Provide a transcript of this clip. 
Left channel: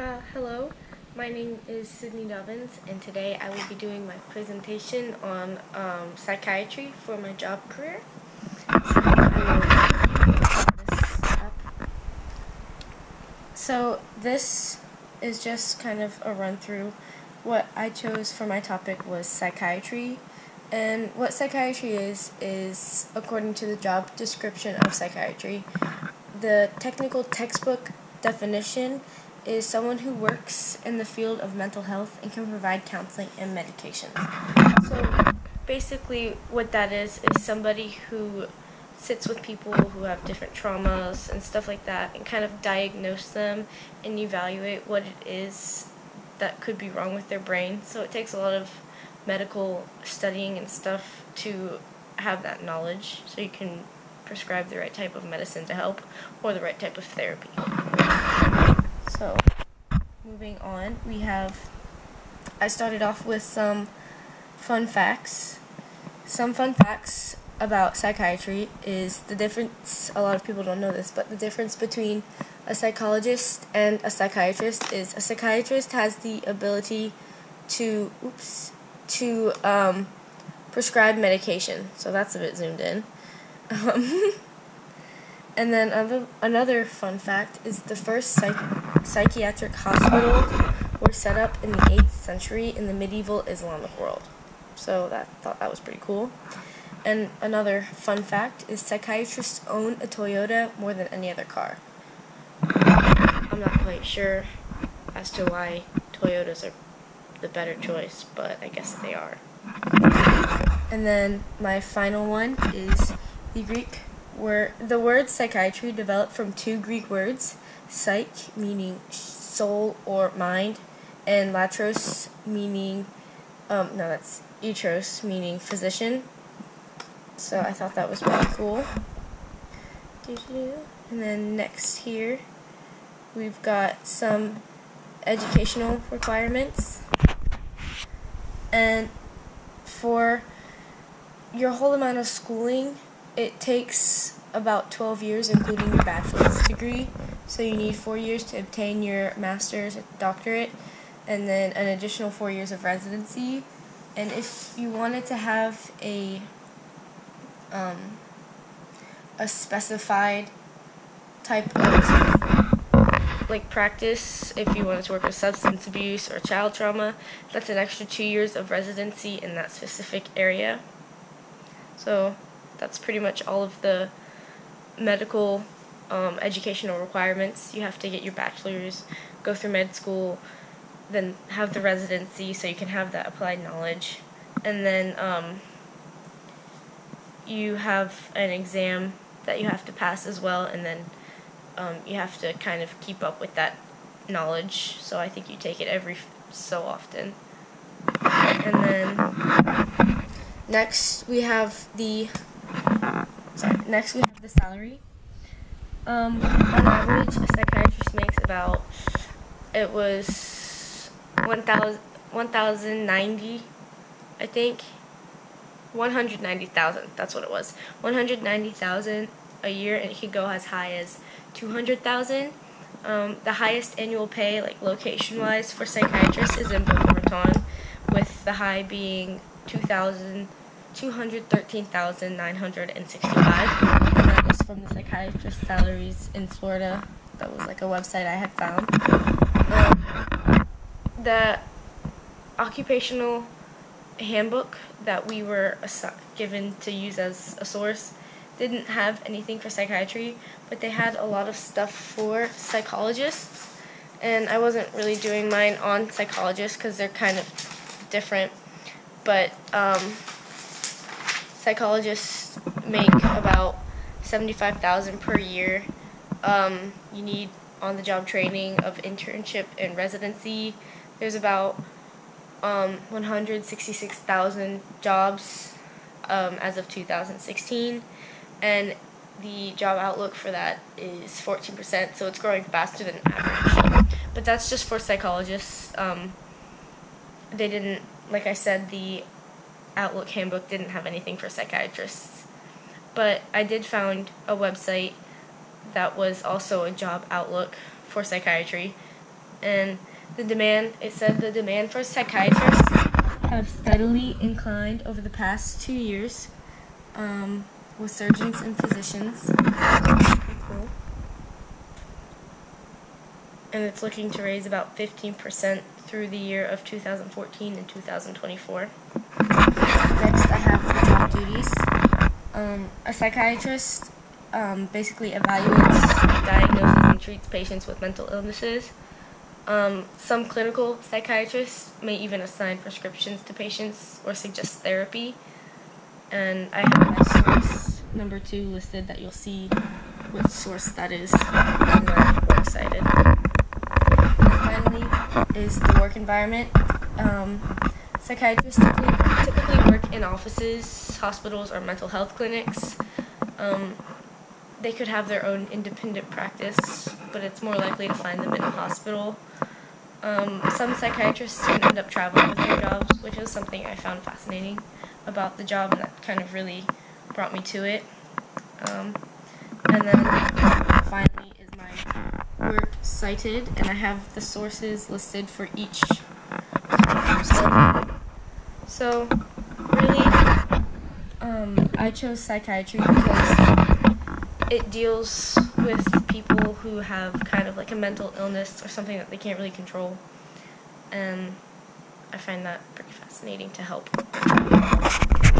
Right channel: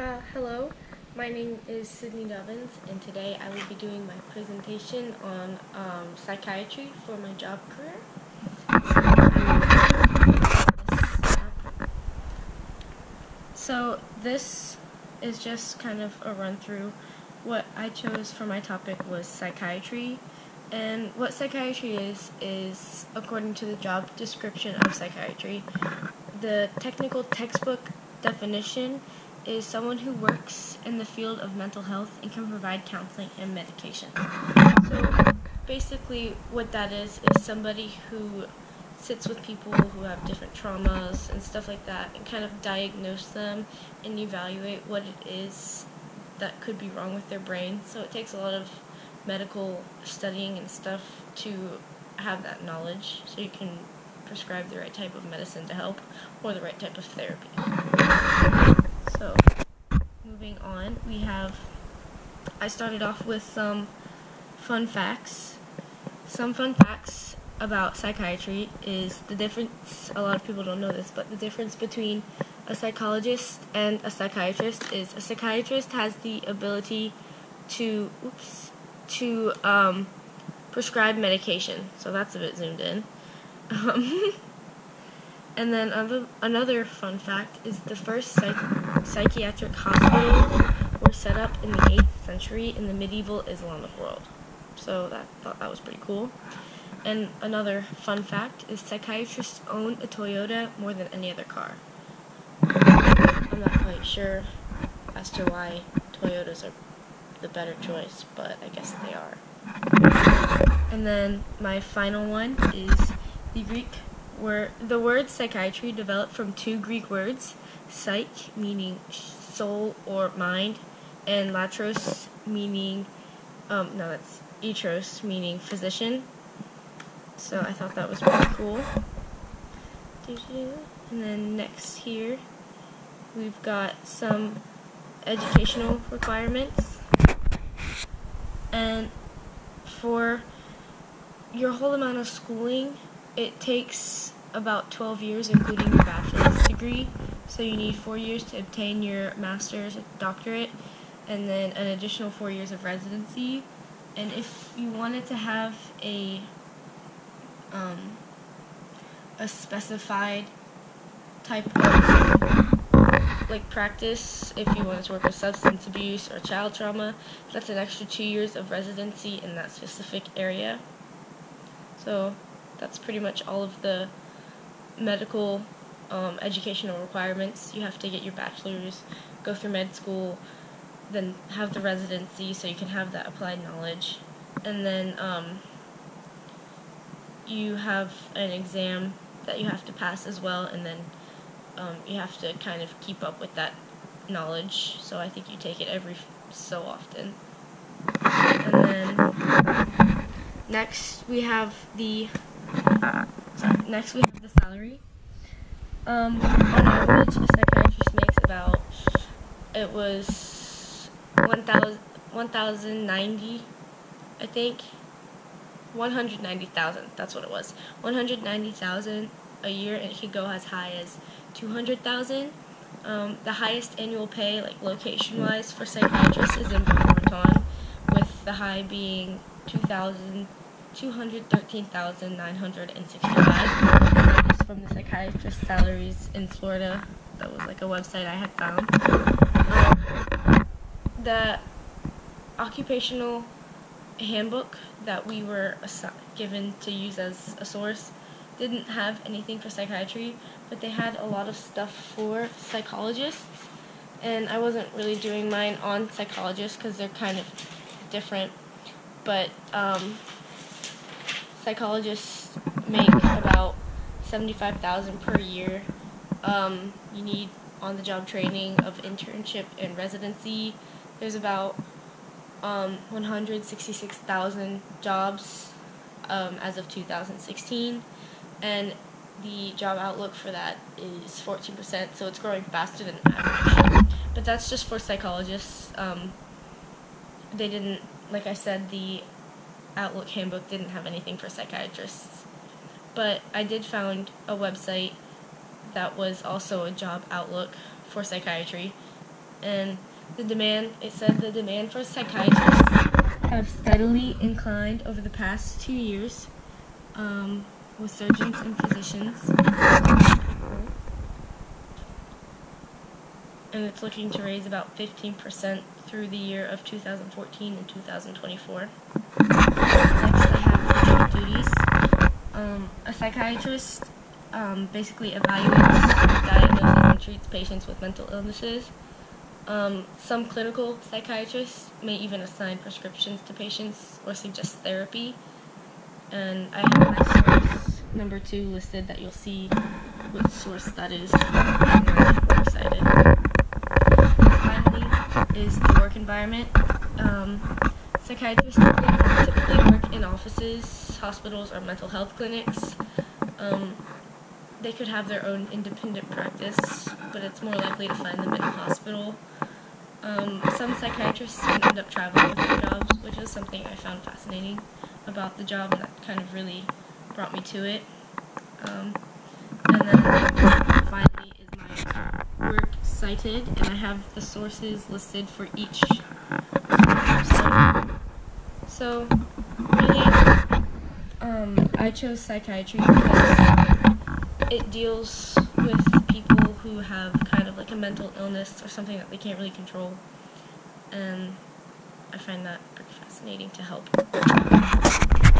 Hello, my name is Sydney Dobbins, and today I will be doing my presentation on psychiatry for my job career. So this is just kind of a run through. What I chose for my topic was psychiatry, and what psychiatry is according to the job description of psychiatry. The technical textbook definition is someone who works in the field of mental health and can provide counseling and medication. So basically what that is somebody who sits with people who have different traumas and stuff like that and kind of diagnose them and evaluate what it is that could be wrong with their brain. So it takes a lot of medical studying and stuff to have that knowledge so you can prescribe the right type of medicine to help or the right type of therapy. So, moving on, I started off with some fun facts. Some fun facts about psychiatry is the difference, a lot of people don't know this, but the difference between a psychologist and a psychiatrist is a psychiatrist has the ability to prescribe medication. So that's a bit zoomed in. And then another fun fact is the first psychiatric hospitals were set up in the 8th century in the medieval Islamic world. So I thought that was pretty cool. And another fun fact is psychiatrists own a Toyota more than any other car. I'm not quite sure as to why Toyotas are the better choice, but I guess they are. And then my final one is the word psychiatry developed from two Greek words, psyche, meaning soul or mind, and latros, meaning, that's etros, meaning physician. So I thought that was pretty cool. And then next here, we've got some educational requirements. And for your whole amount of schooling, it takes about 12 years, including your bachelor's degree. So you need 4 years to obtain your master's, doctorate, and then an additional 4 years of residency. And if you wanted to have a specified type of practice, if you wanted to work with substance abuse or child trauma, that's an extra 2 years of residency in that specific area. So that's pretty much all of the medical educational requirements. You have to get your bachelor's, go through med school, then have the residency so you can have that applied knowledge, and then you have an exam that you have to pass as well, and then you have to kind of keep up with that knowledge. So I think you take it every so often. And then next we have the salary. On average, a psychiatrist makes about, it was 1,090, I think. 190,000, that's what it was. 190,000 a year, and it could go as high as 200,000. The highest annual pay, location-wise, for psychiatrists is in Boca Raton, with the high being 213,965, and that is from the psychiatrist salaries in Florida. That was a website I had found. The occupational handbook that we were given to use as a source didn't have anything for psychiatry, but they had a lot of stuff for psychologists, and I wasn't really doing mine on psychologists because they're kind of different, but psychologists make about $75,000 per year. You need on-the-job training of internship and residency. There's about 166,000 jobs as of 2016, and the job outlook for that is 14%, so it's growing faster than average. But that's just for psychologists. They didn't, like I said, the Outlook handbook didn't have anything for psychiatrists. But I did find a website that was also a job outlook for psychiatry, and it said the demand for psychiatrists have steadily inclined over the past 2 years, with surgeons and physicians. And it's looking to raise about 15% through the year of 2014 and 2024. Next, I have the job duties. A psychiatrist basically evaluates, diagnoses, and treats patients with mental illnesses. Some clinical psychiatrists may even assign prescriptions to patients or suggest therapy. And I have my source number 2 listed that you'll see which source that is on my works cited. Finally is the work environment. Psychiatrists typically work in offices, hospitals, or mental health clinics. They could have their own independent practice, but it's more likely to find them in a hospital. Some psychiatrists can end up traveling with their jobs, which is something I found fascinating about the job, and that kind of really brought me to it. And then finally is my work cited, and I have the sources listed for each episode. So, really, I chose psychiatry because it deals with people who have kind of like a mental illness or something that they can't really control, and I find that pretty fascinating to help.